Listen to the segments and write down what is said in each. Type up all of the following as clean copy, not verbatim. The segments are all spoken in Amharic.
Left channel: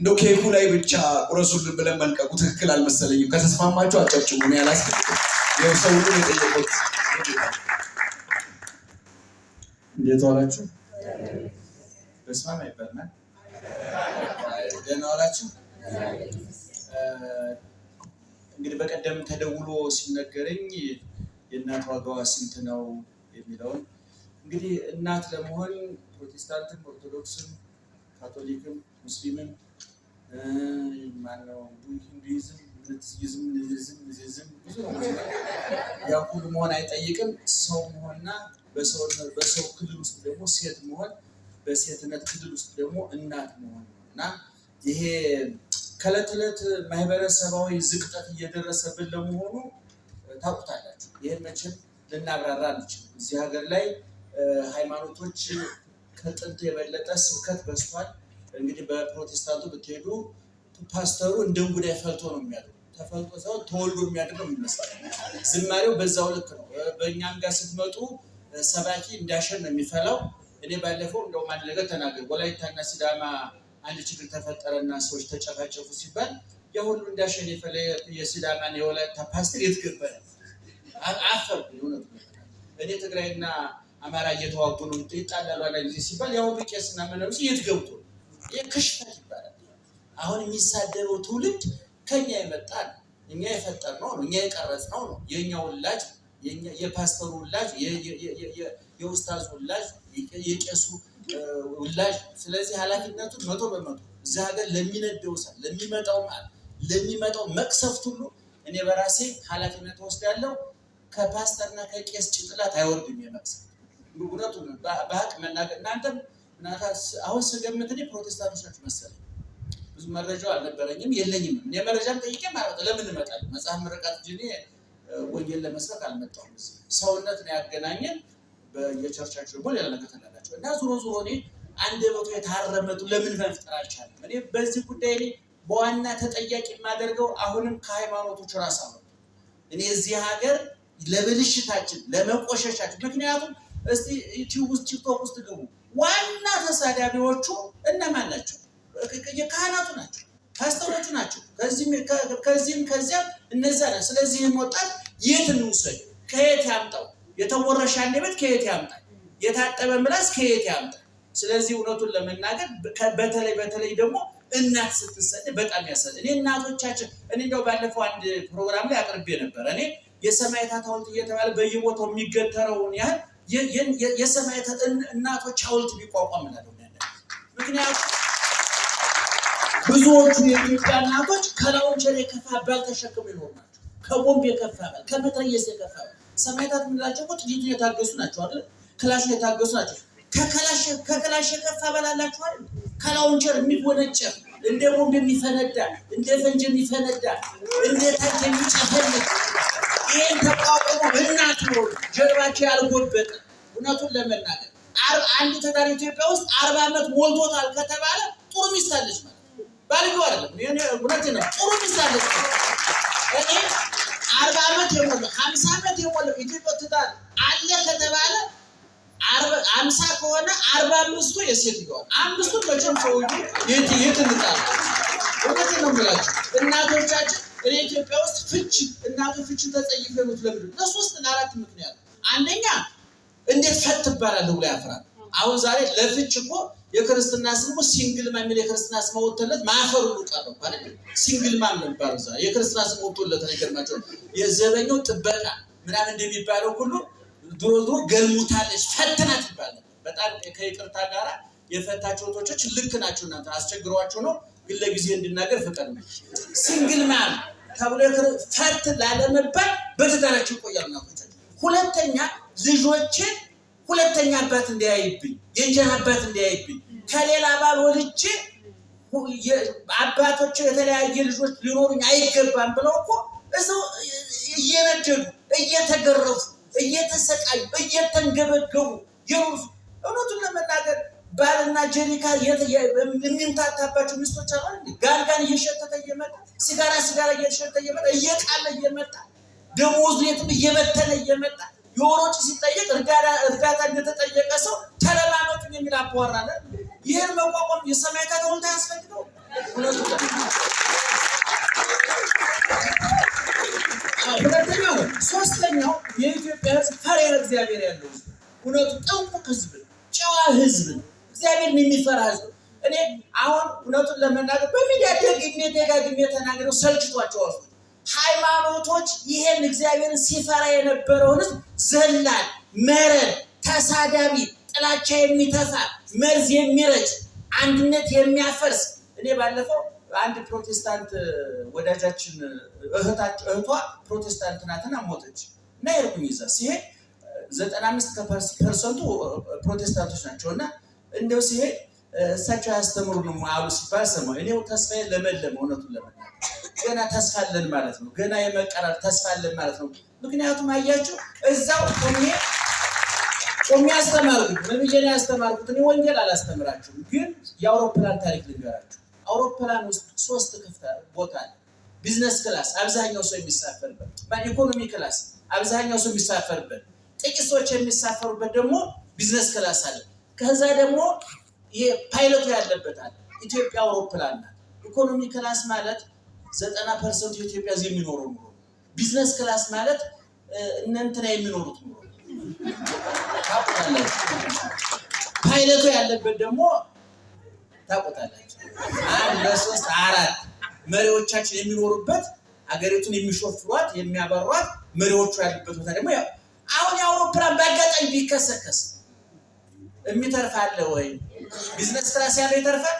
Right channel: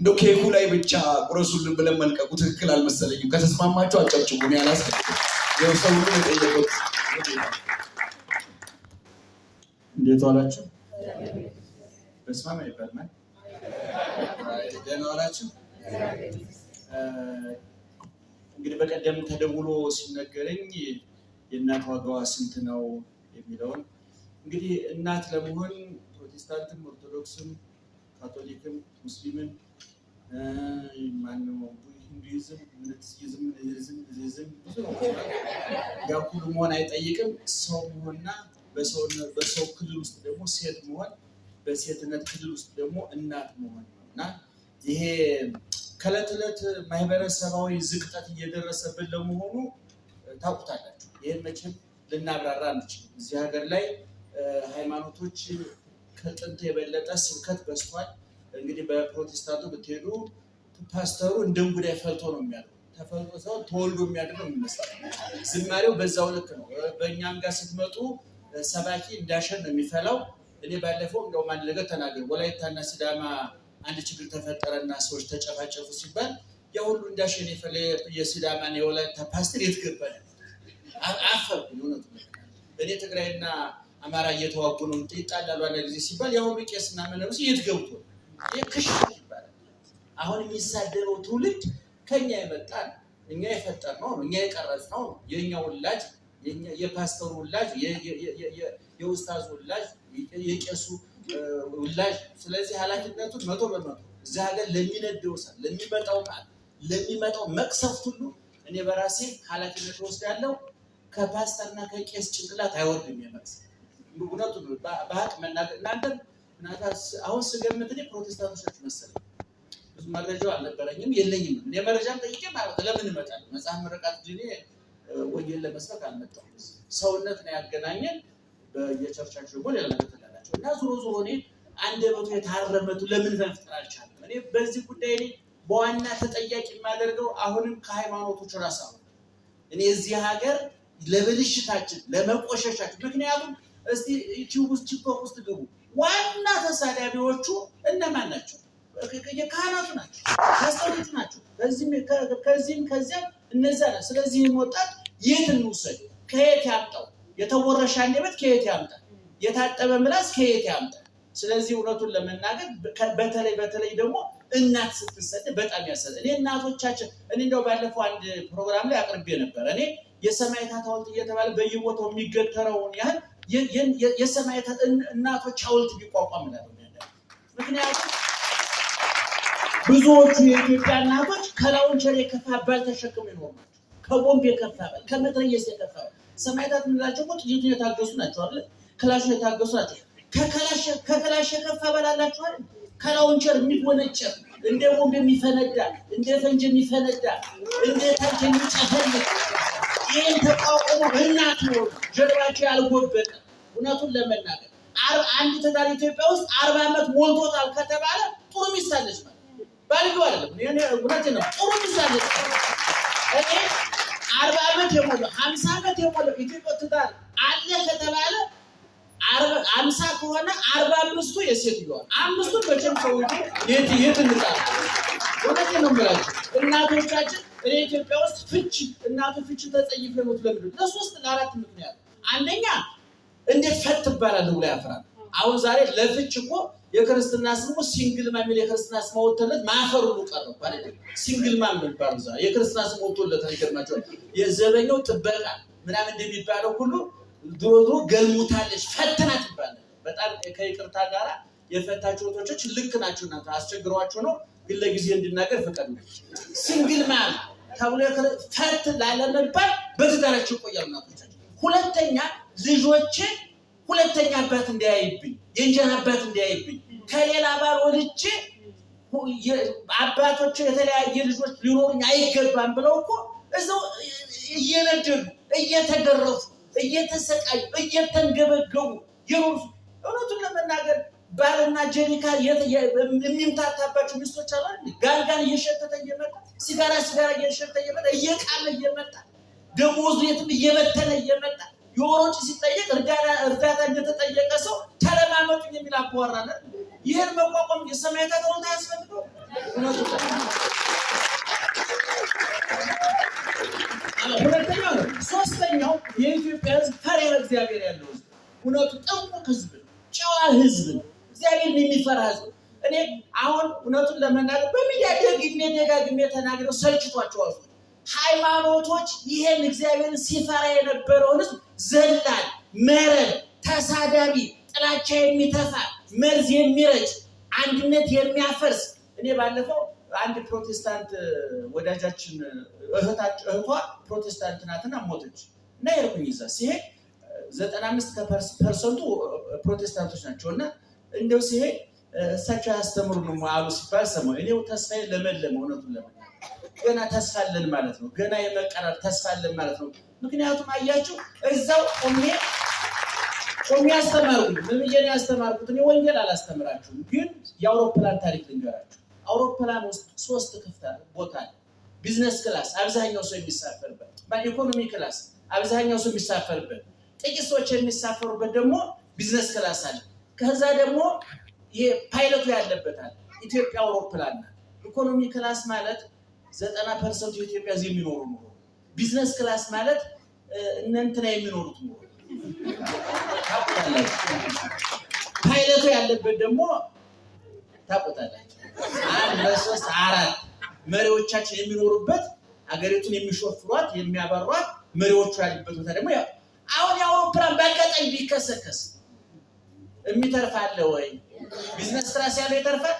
እንደው ኬኩ ላይ ብቻ ቁረሱልን ብለን መልቀቁ ትክክል አልመሰለኝም። ከተስማማችሁ አጨብጭቡ። እኔ አላስፈልግም። ይኸው ሰው ሁሉ የጠየቁት እንዴት ዋላችሁ? በስማም አይባልም። ደህና ዋላችሁ? እንግዲህ በቀደም ተደውሎ ሲነገረኝ የእናት ዋጋዋ ስንት ነው የሚለውን እንግዲህ እናት ለመሆን ፕሮቴስታንትም፣ ኦርቶዶክስም፣ ካቶሊክም፣ ሙስሊምም ማነው ሂንዱይዝም፣ ምንትይዝም ብዙ ያው ሁሉ መሆን አይጠይቅም። ሰው መሆንና በሰው ክልል ውስጥ ደግሞ ሴት መሆን፣ በሴትነት ክልል ውስጥ ደግሞ እናት መሆን እና ይሄ ከዕለት ዕለት ማህበረሰባዊ ዝቅጠት እየደረሰብን ለመሆኑ ታውቁታላችሁ። ይህን መቼም ልናብራራ አንችልም። እዚህ ሀገር ላይ ሃይማኖቶች ከጥንት የበለጠ ስብከት በዝቷል። እንግዲህ በፕሮቴስታንቱ ብትሄዱ ፓስተሩ እንደ እንጉዳይ ፈልቶ ነው የሚያድረው። ተፈልጦ ሰው ተወልዶ የሚያድር ነው የሚመስለው። ዝማሬው በዛው ልክ ነው። በእኛም ጋር ስትመጡ ሰባኪ እንዳሸን ነው የሚፈላው። እኔ ባለፈው እንደው አንድ ነገር ተናገር ወላይታና ሲዳማ አንድ ችግር ተፈጠረና ሰዎች ተጨፋጨፉ ሲባል ያ ሁሉ እንዳሸን የፈለ የሲዳማና የወላይታ ፓስተር የትገባል አፈር ነው። እኔ ትግራይና አማራ እየተዋጉ ነው ይጣላሉ አንድ ጊዜ ሲባል ያ ሁሉ ቄስና መነኩሴ የትገብቶ የክሽት ይባላል። አሁን የሚሳደበው ትውልድ ከኛ የመጣ እኛ የፈጠርነው ነው፣ እኛ የቀረጽነው ነው። የኛ ወላጅ የፓስተሩ ወላጅ የኡስታዝ ወላጅ የቄሱ ወላጅ። ስለዚህ ኃላፊነቱን 100% እዚህ ሀገር ለሚነደው ሰው ለሚመጣው መቅሰፍት ሁሉ እኔ በራሴ ኃላፊነት ወስዳለሁ። ከፓስተርና ከቄስ ጭንቅላት አይወርድም የመቅሰፍት እውነቱን በሀቅ መናገር። እናንተም አሁን ስገምት እኔ ፕሮቴስታንቶች ናችሁ መሰለኝ። ብዙ መረጃው አልነበረኝም የለኝም። እኔ መረጃም ጠይቄ ማለት ለምን እመጣለሁ? መጽሐፍ ምረቃት እንጂ ወንጌል ለመስበክ አልመጣሁም። ሰውነት ነው ያገናኘን። በየቸርቻቸው ደግሞ ሌላ ነገር ተላላቸው እና ዞሮ እኔ አንደበቱ የታረመቱ ለምን መፍጠር አልቻለም? እኔ በዚህ ጉዳይ ላይ በዋና ተጠያቂ የማደርገው አሁንም ከሃይማኖቶች ራስ ነው። እኔ እዚህ ሀገር ለብልሽታችን ለመቆሸሻችን ምክንያቱም እስቲ ዩቲዩብ ውስጥ ቲክቶክ ውስጥ ግቡ። ዋና ተሳዳቢዎቹ እነማን ናቸው? የካህናቱ ናቸው፣ ፓስተሮቹ ናቸው። ከዚህም ከዚያም እነዛ ነው። ስለዚህ ወጣት የት እንውሰድ? ከየት ያምጣው? የተወረሻ አንደበት ከየት ያምጣል? የታጠበ ምላስ ከየት ያምጣል? ስለዚህ እውነቱን ለመናገር በተለይ ደግሞ እናት ስትሰድ በጣም ያሳዝናል። እኔ እናቶቻችን እንደው ባለፈው አንድ ፕሮግራም ላይ አቅርቤ ነበር። እኔ የሰማዕታት ሐውልት እየተባለ በየቦታው የሚገተረውን ያህል የሰማዕታት እናቶች ሐውልት ቢቋቋም ነው። ምክንያቱም ብዙዎቹ የኢትዮጵያ እናቶች ከላውንቸር የከፋ ባል ተሸክመው ይኖሩ ናቸው። ከቦምብ የከፋ ባል፣ ከመትረየስ የከፋ ባል። ሰማዕታት የምንላቸው እኮ ጥይቱን የታገሱ ናቸው አይደል? ክላሹን የታገሱ ናቸው። ከክላሽ የከፋ ባል አላቸው አይደል? ከላውንቸር የሚወነጨፍ እንደ ቦምብ የሚፈነዳ እንደ ፈንጅ የሚፈነዳ እንደ ታንክ የሚጨፈልቅ ይህን ተቋቁሞ እናት ነው ጀርባቸው ያልጎበጠ። እውነቱን ለመናገር አንድ ትዳር ኢትዮጵያ ውስጥ 40 ዓመት ሞልቶታል ከተባለ ጥሩ ሚስት አለች ማለት ባልየው አይደለም። እውነቴን ነው። ጥሩ ሚስት አለች። እኔ 40 ዓመት የሞላው 50 ዓመት የሞላው ኢትዮጵያ ትዳር አለ ከተባለ 50 ከሆነ 45ቱ የሴትዮዋ 5ቱ መቼም ሰው የት እንጣላ። እውነቴን ነው የምላችሁ እናቶቻችን። እኔ ኢትዮጵያ ውስጥ ፍቺ ተጸይፈ ነው ለምን ለሶስት ለአራት ምክንያት። አንደኛ እንዴት ፈት ትባላለህ ብሎ ያፈራል። አሁን ዛሬ ለፍች እኮ የክርስትና ስሙ ሲንግል ማም የክርስትና ስም ወጥቶለት ማፈሩ ነው ቀረው አይደል? ሲንግል ማም ነው ባለው ዛሬ የክርስትና ስም ወጥቶለት አይገርማቸው። የዘበኛው ጥበቃ ምናምን እንደሚባለው ሁሉ ድሮ ገልሙታለች ፈትናት ይባላል። በጣም ከይቅርታ ጋራ የፈታቸው ወቶች ልክ ናቸው። እናንተ አስቸግሯቸው ነው ግን ለጊዜ እንድናገር ፍቅር ነው። ሲንግል ማም ተብሎ ፈት ላለመባል በትዳራቸው ቆያሉ ናቸው። ሁለተኛ ልጆቼ ሁለተኛ አባት እንዲያይብኝ የእንጀራ አባት እንዲያይብኝ ከሌላ ባል ወልጄ አባቶች የተለያየ ልጆች ሊኖሩኝ አይገባም ብለው እኮ እዛው እየነደዱ እየተገረፉ እየተሰቃዩ እየተንገበገቡ የሩስ እውነቱን ለመናገር ባልና ጀሪካ የሚምታታባቸው ሚስቶች አሉ አይደል? ጋርጋን እየሸተተ እየመጣ ሲጋራ እየሸተተ እየመጣ እየቃለ እየመጣ ደሞዝ ቤትም እየበተነ እየመጣ የወሮጭ ሲጠየቅ እርዳታ እንደተጠየቀ ሰው ተለማመጡኝ የሚል አባወራ አለ። ይሄን መቋቋም የሰማዕታት ሐውልት ያስፈልገው ሁለተኛው ሶስተኛው የኢትዮጵያ ሕዝብ ፈሪሃ እግዚአብሔር ያለው ሕዝብ እውነቱ ጥንቁቅ ሕዝብ ጨዋ ሕዝብ እግዚአብሔርን የሚፈራ ሕዝብ እኔ አሁን እውነቱን ለመናገር በሚዲያ ደጋግሜ ተናግረው ሰልችቷቸዋል። ሃይማኖቶች ይሄን እግዚአብሔርን ሲፈራ የነበረውን ሕዝብ ዘላን፣ መረን፣ ተሳዳቢ፣ ጥላቻ የሚተፋ መርዝ የሚረጭ አንድነት የሚያፈርስ እኔ ባለፈው አንድ ፕሮቴስታንት ወዳጃችን እህቷ ፕሮቴስታንት ናትና ሞተች እና ይርኩኝ ይዛ ሲሄድ 95% ፕሮቴስታንቶች ናቸውና እንደው ሲሄድ እሳቸው ያስተምሩን አሉ ሲባል ሰማሁ። እኔው ተስፋዬ ለመለመ እውነቱን ለመናገር ገና ተስፋ አለን ማለት ነው። ገና የመቀራር ተስፋ አለን ማለት ነው። ምክንያቱም አያችሁ እዛው ቆሜ ያስተማርኩት ለምጄ ያስተማርኩት እኔ ወንጌል አላስተምራችሁም፣ ግን የአውሮፕላን ታሪክ ልንገራችሁ። አውሮፕላን ውስጥ 3 ክፍት ቦታ አለ። ቢዝነስ ክላስ አብዛኛው ሰው የሚሳፈርበት፣ ኢኮኖሚ ክላስ አብዛኛው ሰው የሚሳፈርበት፣ ጥቂት ሰዎች የሚሳፈሩበት ደግሞ ቢዝነስ ክላስ አለ። ከዛ ደግሞ የፓይለቱ ያለበት አለ። ኢትዮጵያ አውሮፕላን ናት። ኢኮኖሚ ክላስ ማለት 90% የኢትዮጵያ ዜጋ የሚኖሩ ነው። ቢዝነስ ክላስ ማለት እናንተና የሚኖሩት ነው። ፓይለቱ ያለበት ደግሞ ታውቁታላችሁ። 1 2 3 4 መሪዎቻችን የሚኖሩበት ሀገሪቱን የሚሾፍሯት የሚያበሯት መሪዎቹ ያሉበት ቦታ ደግሞ አሁን የአውሮፕላን በአጋጣሚ ቢከሰከስ የሚተርፍ አለ ወይ? ቢዝነስ ክላስ ያለው ይተርፋል፣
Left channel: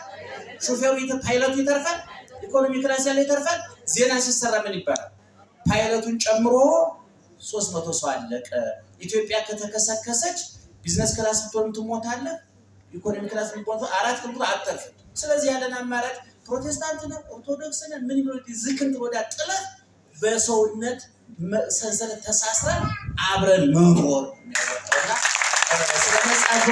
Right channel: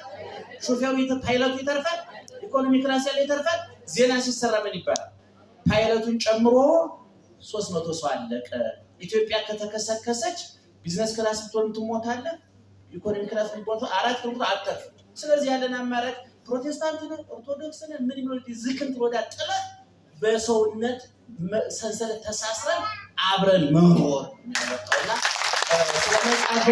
ሾፌሩ ፓይለቱ ይተርፋል፣ ኢኮኖሚ ክላስ ያለው ይተርፋል። ዜና ሲሰራ ምን ይባላል? ፓይለቱን ጨምሮ 300 ሰው አለቀ። ኢትዮጵያ ከተከሰከሰች ቢዝነስ ክላስ ብትሆን ትሞታለህ፣ ኢኮኖሚ ክላስ ብትሆን 4 ክንቱ አትተርፍም። ስለዚህ ያለን አማራጭ ፕሮቴስታንት ነን ኦርቶዶክስ ነን ምን ይሉት ዝክንት ወዳ ጥለት በሰውነት ሰንሰለት ተሳስረን አብረን መኖር የሚያወጣውና ስለመጽሐፍ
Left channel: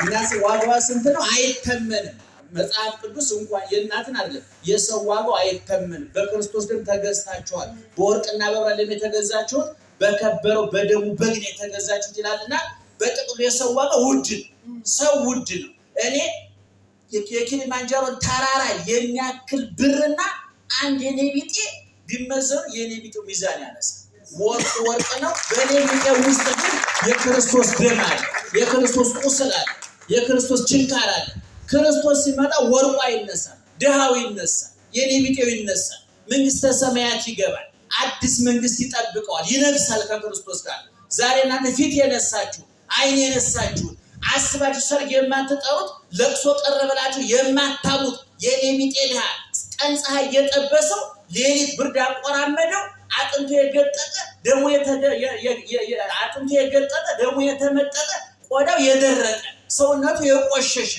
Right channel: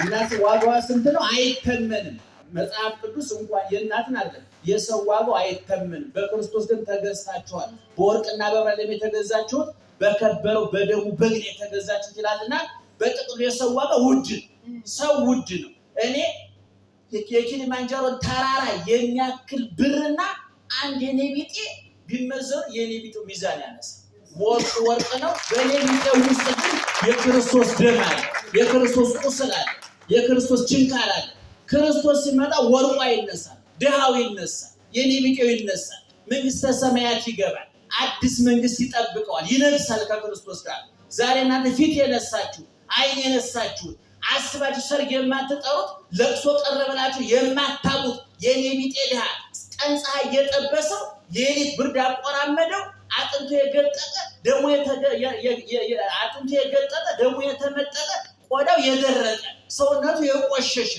እናስ ዋጋዋ ስንት ነው አይተመንም። መጽሐፍ ቅዱስ እንኳን የእናትን አይደለም የሰው ዋጋው አይተመንም። በክርስቶስ ደም ተገዝታችኋል፣ በወርቅና በብር የተገዛችሁት በከበረው በደሙ በግን የተገዛችሁት ይላልና በጥቅሉ የሰው ዋጋው ውድ ሰው ውድ ነው። እኔ የኪሊማንጃሮን ተራራ የሚያክል ብርና አንድ የኔ ቢጤ ቢመዘኑ የኔ ቢጤው ሚዛን ያነሳል። ወርቅ ነው። በኔ ቢጤው ውስጥ ግን የክርስቶስ ደም አለ፣ የክርስቶስ ቁስል አለ፣ የክርስቶስ ችንካር አለ። ክርስቶስ ሲመጣ ወርቁ ይነሳል፣ ድሃው ይነሳል፣ የኔ ቢጤው ይነሳል፣ መንግስተ ሰማያት ይገባል፣ አዲስ መንግስት ይጠብቀዋል፣ ይነግሳል ከክርስቶስ ጋር። ዛሬ እናንተ ፊት የነሳችሁ አይን የነሳችሁ አስባችሁ ሰርግ የማትጠሩት ለቅሶ ቀረበላችሁ የማታሙት የኔ ቢጤ ድሃ ቀን ፀሐይ የጠበሰው ሌሊት ብርድ አቆራመደው አጥንቱ የገጠጠ ደሙ የተመጠጠ ቆዳው የደረቀ ሰውነቱ የቆሸሸ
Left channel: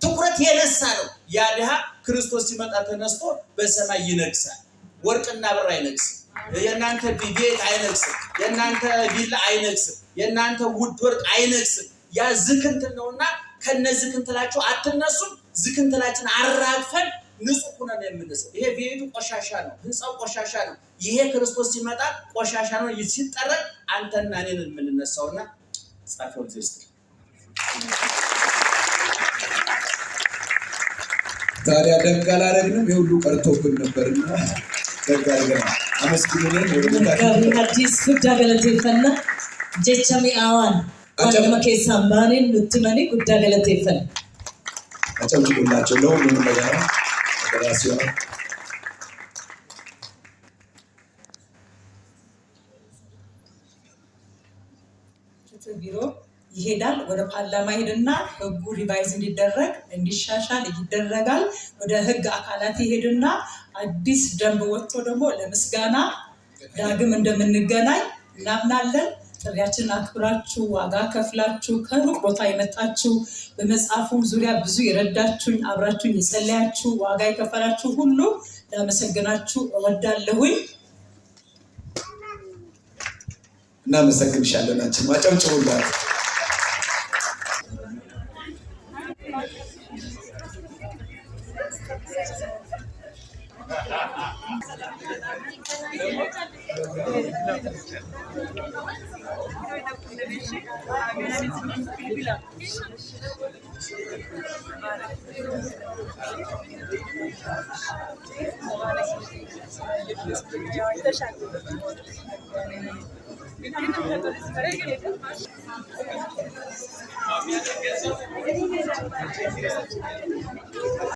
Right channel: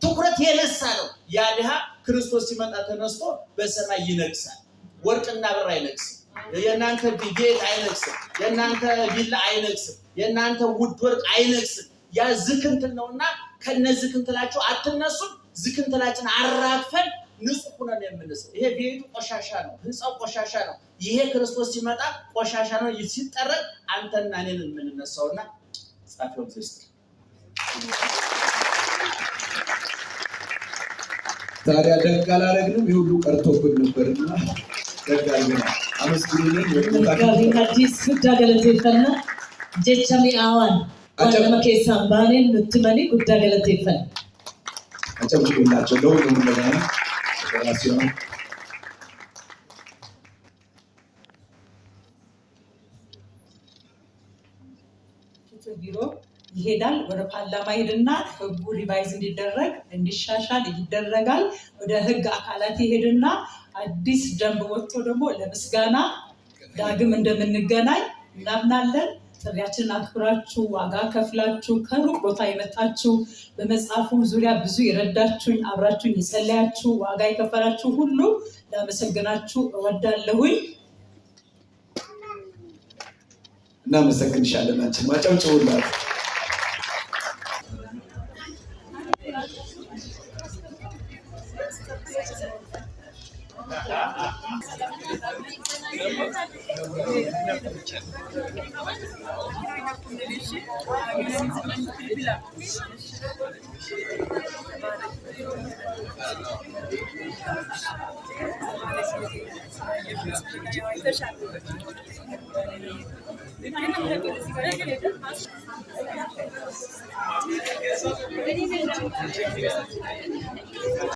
ትኩረት የነሳ ነው። ያ ድሃ ክርስቶስ ሲመጣ ተነስቶ በሰማይ ይነግሳል። ወርቅና ብር አይነግስም። የእናንተ ቤት አይነግስም። የእናንተ ቪላ አይነግስም። የእናንተ ውድ ወርቅ አይነግስም። ያ ዝክንትል ነውና ከነዚህ ዝክንትላችሁ አትነሱም። ዝክንትላችን አራግፈን ንጹህ ሆነን የምንሰው ይሄ ቤቱ ቆሻሻ ነው፣ ህንጻው ቆሻሻ ነው። ይሄ ክርስቶስ ሲመጣ ቆሻሻ ነው ሲጠረቅ አንተና እኔን የምንነሳውና ጻፈው እግዚአብሔር ታዲያ ደግ አላደረግንም። የሁሉ ቀርቶብን ነበርና ደግ አድርገን አመስግኑልን። አዲስ ጉዳ ገለቴፈና ጀቻሚ አዋን አለማ ከሳም ባኔን ምትመኒ ጉዳ ገለቴፈና አጨብጭቡላቸው ለሁሉም ነገር ራሲዮ ቢሮ ይሄዳል። ወደ ፓርላማ ሄድና ህጉ ሪቫይዝ እንዲደረግ እንዲሻሻል ይደረጋል። ወደ ህግ አካላት ይሄድና አዲስ ደንብ ወጥቶ ደግሞ ለምስጋና ዳግም እንደምንገናኝ እናምናለን። ጥሪያችንን አክብራችሁ ዋጋ ከፍላችሁ ከሩቅ ቦታ የመጣችሁ በመጽሐፉም ዙሪያ ብዙ የረዳችሁኝ አብራችሁኝ የጸለያችሁ ዋጋ የከፈላችሁ ሁሉ ላመሰግናችሁ እወዳለሁኝ። እናመሰግንሻለን። አንቺ ማጨብጭቡላት።